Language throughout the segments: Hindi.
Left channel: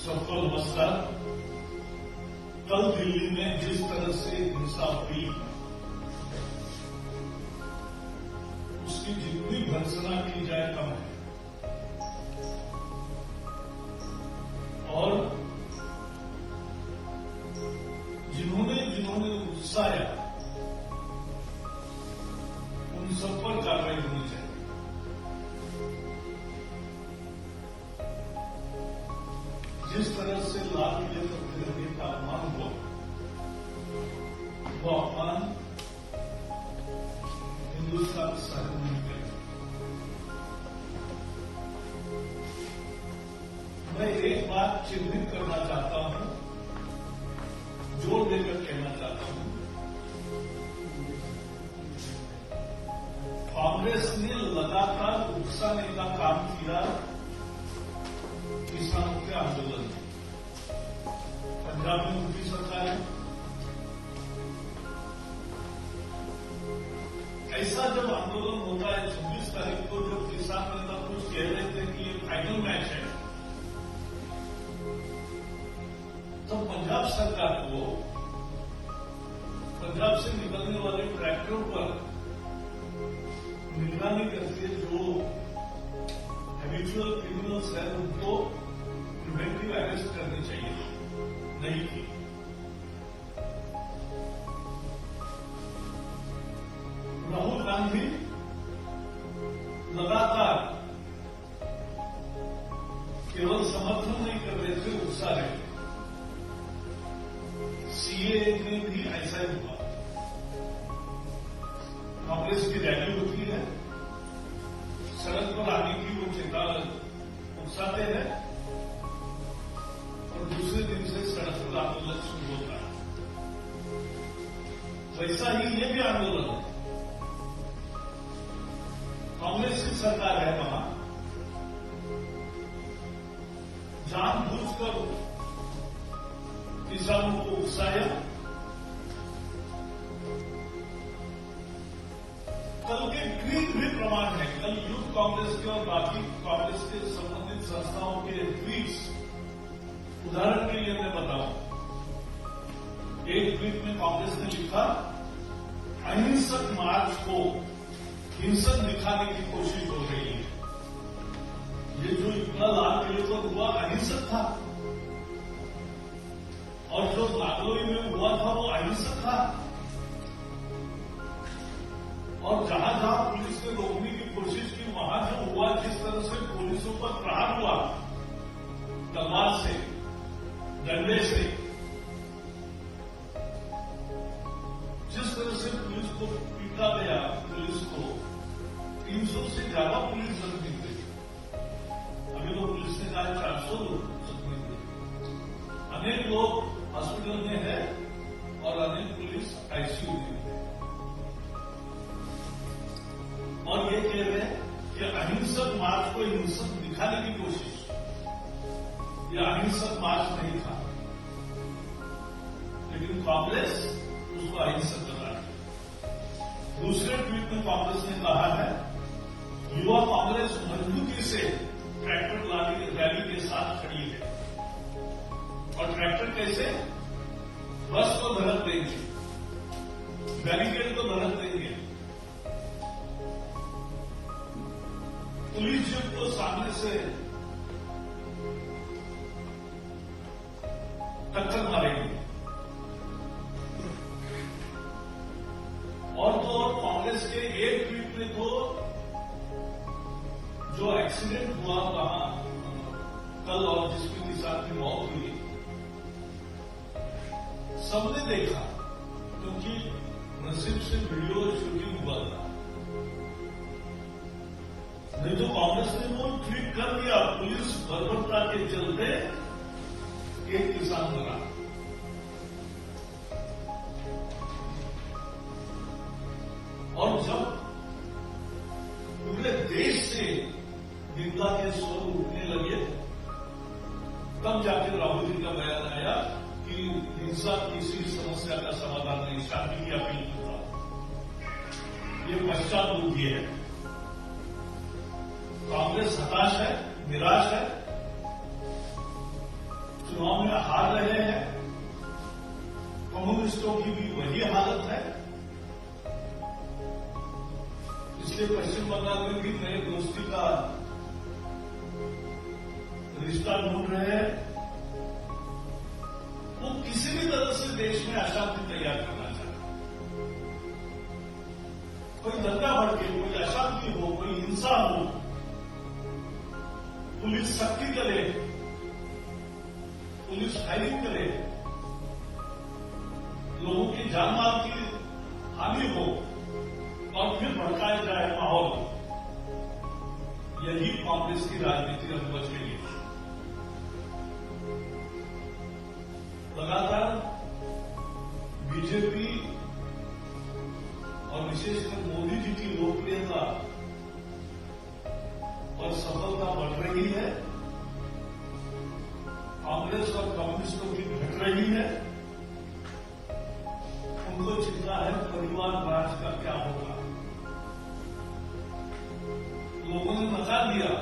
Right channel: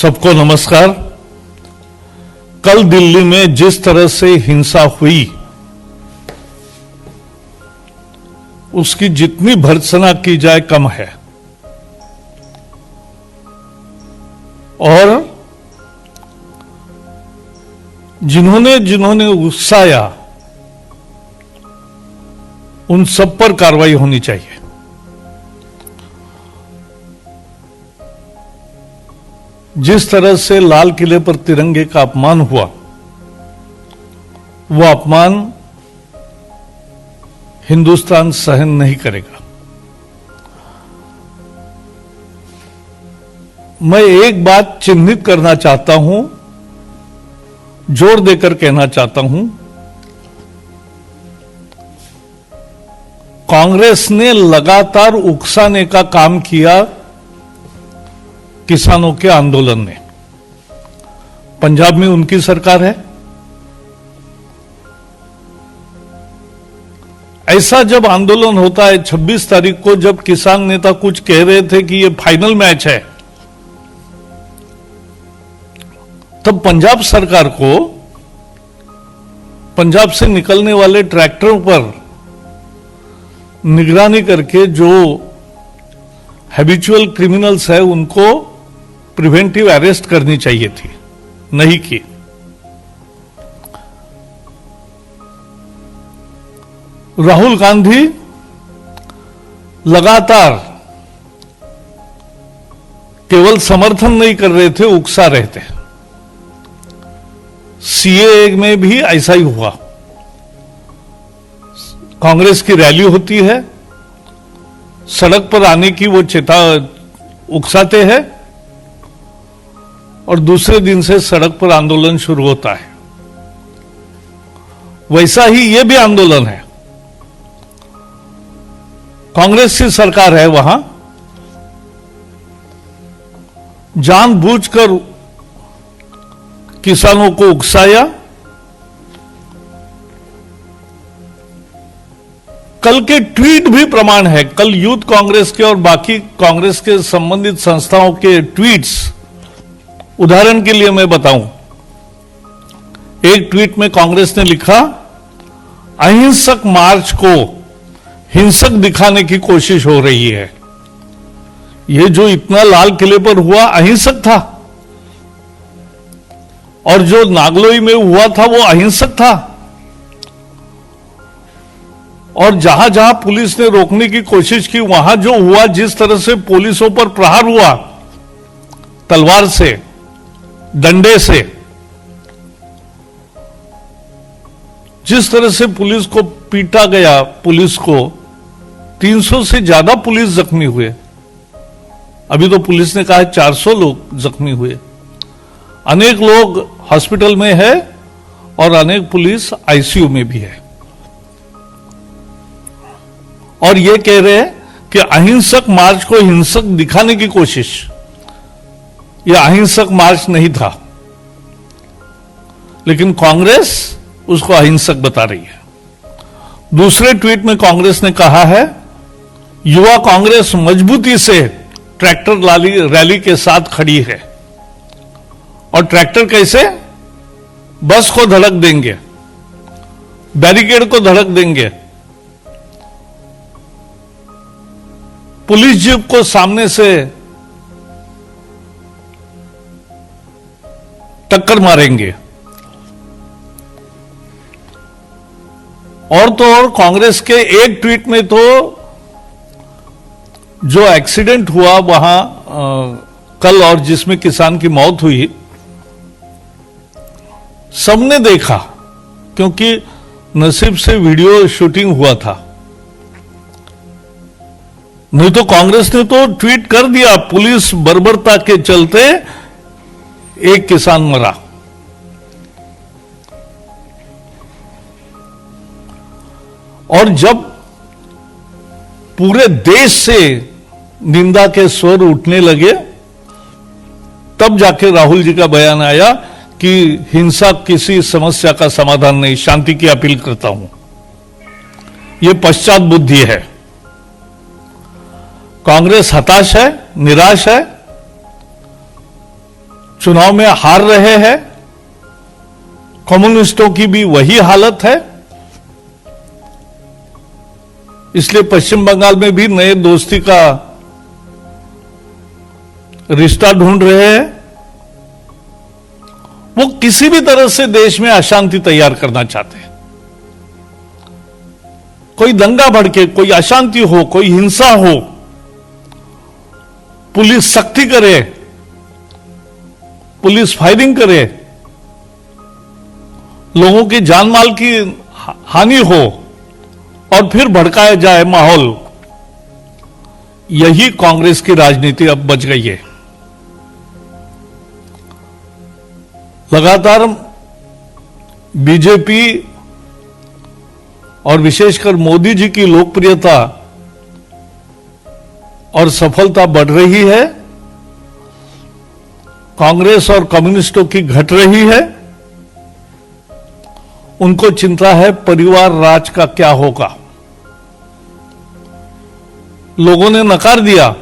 सबको नमस्कार। कल दिल्ली में जिस तरह से हिंसा हुई उसकी जितनी भर्त्सना की जाए कम है। और जिन्होंने जिन्होंने उकसाया उन सब पर कार्रवाई होनी चाहिए। जिस तरह से लाल किले पर तिरंगे का अपमान हुआ, वो अपमान हिंदुस्तान सहन नहीं करेगा। मैं एक बात चिन्हित करना चाहता हूं, जोर देकर कहना चाहता हूं, कांग्रेस ने लगातार उकसाने का काम किया किसानों के आंदोलन ने। पंजाब में उनकी सरकार है। ऐसा जब आंदोलन होता है 26 तारीख को, जब किसान नेता कुछ कह रहे थे कि ये फाइनल मैच है, तब पंजाब सरकार को पंजाब से निकलने वाले ट्रैक्टरों पर निगरानी करके जो हैबिचुअल क्रिमिनल्स है उनको प्रिवेंटिव अरेस्ट करनी चाहिए थी, नहीं की। राहुल गांधी लगातार केवल समर्थन नहीं कर रहे थे, उकसा रहे थे। सीएए में भी ऐसा ही हुआ। कांग्रेस की रैली होती है, सड़क पर आने की वो उकसाते हैं और दूसरे दिन से सड़क पर आंदोलन शुरू होता है। वैसा ही ये भी आंदोलन है। कांग्रेस की सरकार है, वहां जानबूझकर किसानों को उकसाया। कल के ट्वीट भी प्रमाण है। कल यूथ कांग्रेस के और बाकी कांग्रेस के संबंधित संस्थाओं के ट्वीट्स, उदाहरण के लिए मैं बताऊं, एक ट्वीट में कांग्रेस ने लिखा, अहिंसक मार्च को हिंसक दिखाने की कोशिश हो रही है। यह जो इतना लाल किले पर हुआ अहिंसक था, और जो नागलोई में हुआ था वो अहिंसक था। और जहां जहां पुलिस ने रोकने की कोशिश की, वहां जो हुआ, जिस तरह से पुलिसों पर प्रहार हुआ, तलवार से, डंडे से, जिस तरह से पुलिस को पीटा गया, पुलिस को 300 से ज्यादा पुलिस जख्मी हुए। अभी तो पुलिस ने कहा है 400 लोग जख्मी हुए। अनेक लोग हॉस्पिटल में है और अनेक पुलिस आईसीयू में भी है। और ये कह रहे हैं कि अहिंसक मार्च को हिंसक दिखाने की कोशिश। यह अहिंसक मार्च नहीं था, लेकिन कांग्रेस उसको अहिंसक बता रही है। दूसरे ट्वीट में कांग्रेस ने कहा है, युवा कांग्रेस मजबूती से ट्रैक्टर रैली के साथ खड़ी है। और ट्रैक्टर कैसे? बस को धड़क देंगे, बैरिकेड को धड़क देंगे, पुलिस जीप को सामने से टक्कर मारेंगे। और तो और कांग्रेस के एक ट्वीट में तो जो एक्सीडेंट हुआ वहां कल, और जिसमें किसान की मौत हुई, सबने देखा, क्योंकि नसीब से वीडियो शूटिंग हुआ था। नहीं तो कांग्रेस ने तो ट्वीट कर दिया, पुलिस बर्बरता के चलते एक किसान मरा। और जब पूरे देश से निंदा के स्वर उठने लगे, तब जाके राहुल जी का बयान आया कि हिंसा किसी समस्या का समाधान नहीं, शांति की अपील करता हूं। यह पश्चात बुद्धि है। कांग्रेस हताश है, निराश है, चुनाव में हार रहे हैं। कम्युनिस्टों की भी वही हालत है। इसलिए पश्चिम बंगाल में भी नए दोस्ती का रिश्ता ढूंढ रहे हैं। वो किसी भी तरह से देश में अशांति तैयार करना चाहते हैं। कोई दंगा भड़के, कोई अशांति हो, कोई हिंसा हो, पुलिस सख्ती करे, पुलिस फायरिंग करे, लोगों की जान माल की हानि हो और फिर भड़काया जाए माहौल। यही कांग्रेस की राजनीति अब बच गई है। लगातार बीजेपी और विशेषकर मोदी जी की लोकप्रियता और सफलता बढ़ रही है। कांग्रेस और कम्युनिस्टों की घट रही है। उनको चिंता है परिवार राज का क्या होगा। लोगों ने नकार दिया,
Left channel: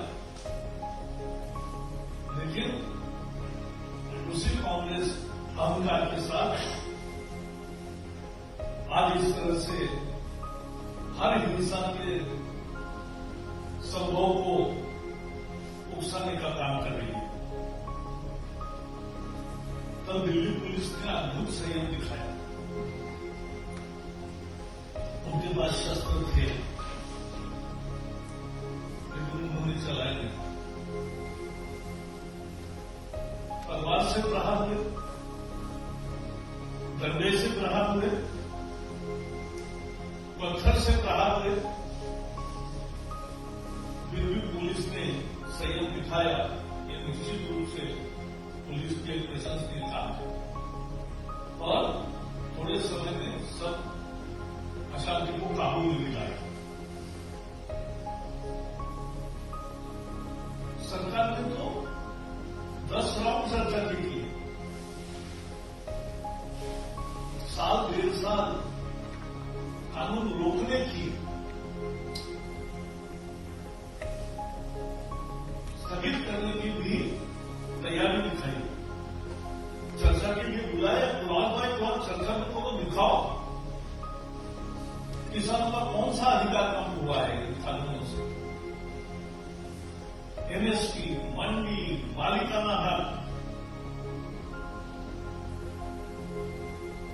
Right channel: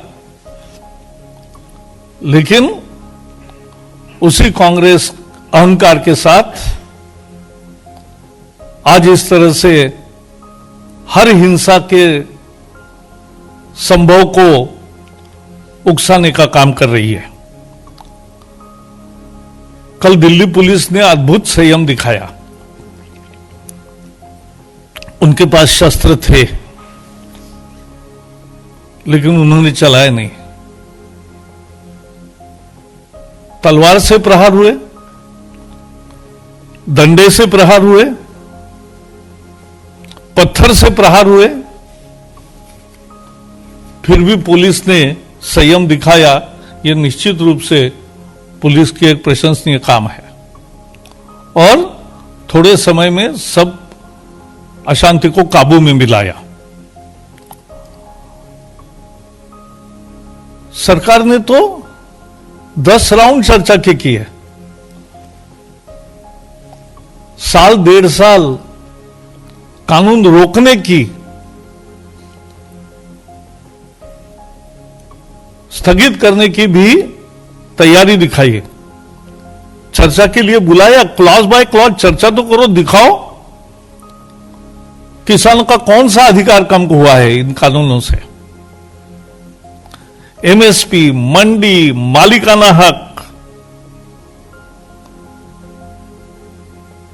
लेकिन उसी कांग्रेस अहंकार के साथ आज इस तरह से हर हिंसा के संभव को उकसाने का काम कर रही है। कल दिल्ली पुलिस ने अद्भुत संयम दिखाया। उनके पास शस्त्र थे, लेकिन उन्होंने चलाए नहीं। तलवार से प्रहार हुए, डंडे से प्रहार हुए, पत्थर से प्रहार हुए, फिर भी पुलिस ने संयम दिखाया। यह निश्चित रूप से पुलिस की एक प्रशंसनीय काम है और थोड़े समय में सब अशांति को काबू में मिलाया। सरकार ने तो 10 राउंड चर्चा की है। साल 1.5 साल कानून रोकने की, स्थगित करने की भी तैयारी दिखाई है। चर्चा के लिए बुलाया, क्लॉज बाय क्लॉज चर्चा तो करो, दिखाओ किसानों का कौन सा अधिकार कम हुआ है इन कानूनों से। एमएसपी, मंडी, मालिकाना हक,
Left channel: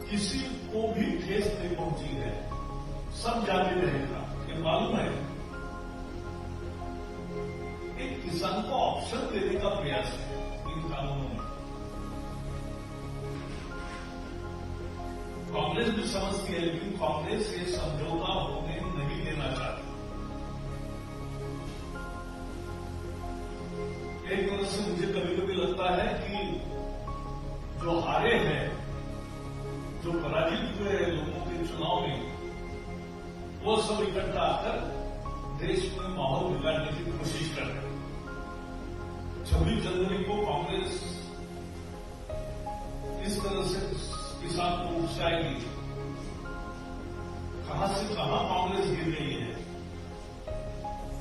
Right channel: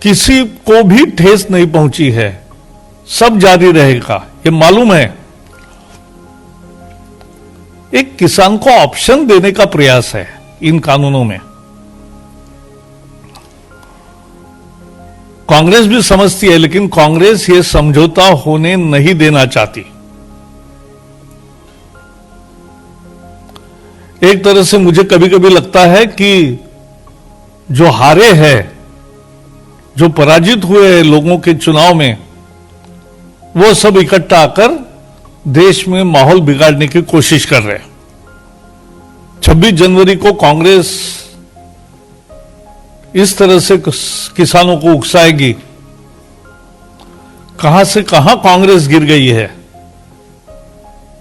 किसी को भी ठेस नहीं पहुंची है, सब जारी रहेगा, ये मालूम है। एक किसान को ऑप्शन देने का प्रयास है इन कानूनों में। कांग्रेस भी समझती है, लेकिन कांग्रेस ये समझौता होने नहीं देना चाहती। एक तरह से मुझे कभी कभी लगता है कि जो हारे हैं, जो पराजित हुए हैं लोगों के चुनाव में, वो सब इकट्ठा आकर देश में माहौल बिगाड़ने की कोशिश कर रहे हैं। 26 जनवरी को कांग्रेस इस तरह से किसानों को उकसाएगी। कहां से कहां कांग्रेस गिर गई है,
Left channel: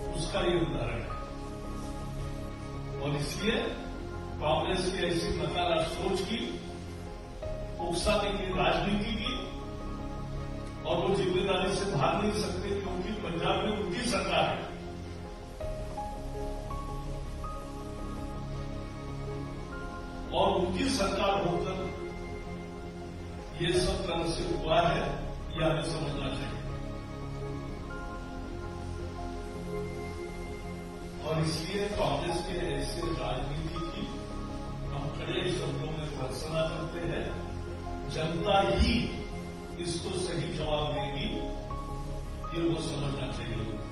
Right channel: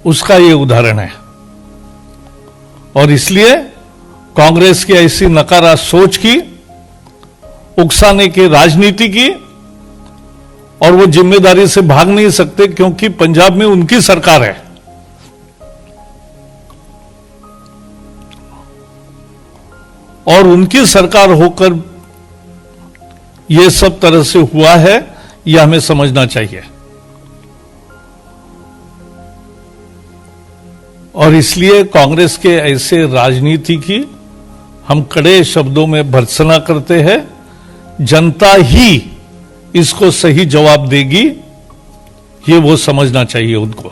उसका यह उदाहरण है। और इसलिए कांग्रेस की ऐसी नकारा सोच की, उकसाने की राजनीति की, और वो जिम्मेदारी से भाग नहीं सकते, क्योंकि पंजाब में उनकी सरकार है। और उनकी सरकार होकर यह सब तरह से हुआ है, यह हमें समझना चाहिए। और इसलिए कांग्रेस के ऐसे राजनीति की हम कड़े शब्दों में भर्त्सना करते हैं। जनता ही इसको सही जवाब देगी, ये वो समझना चाहिए उनको।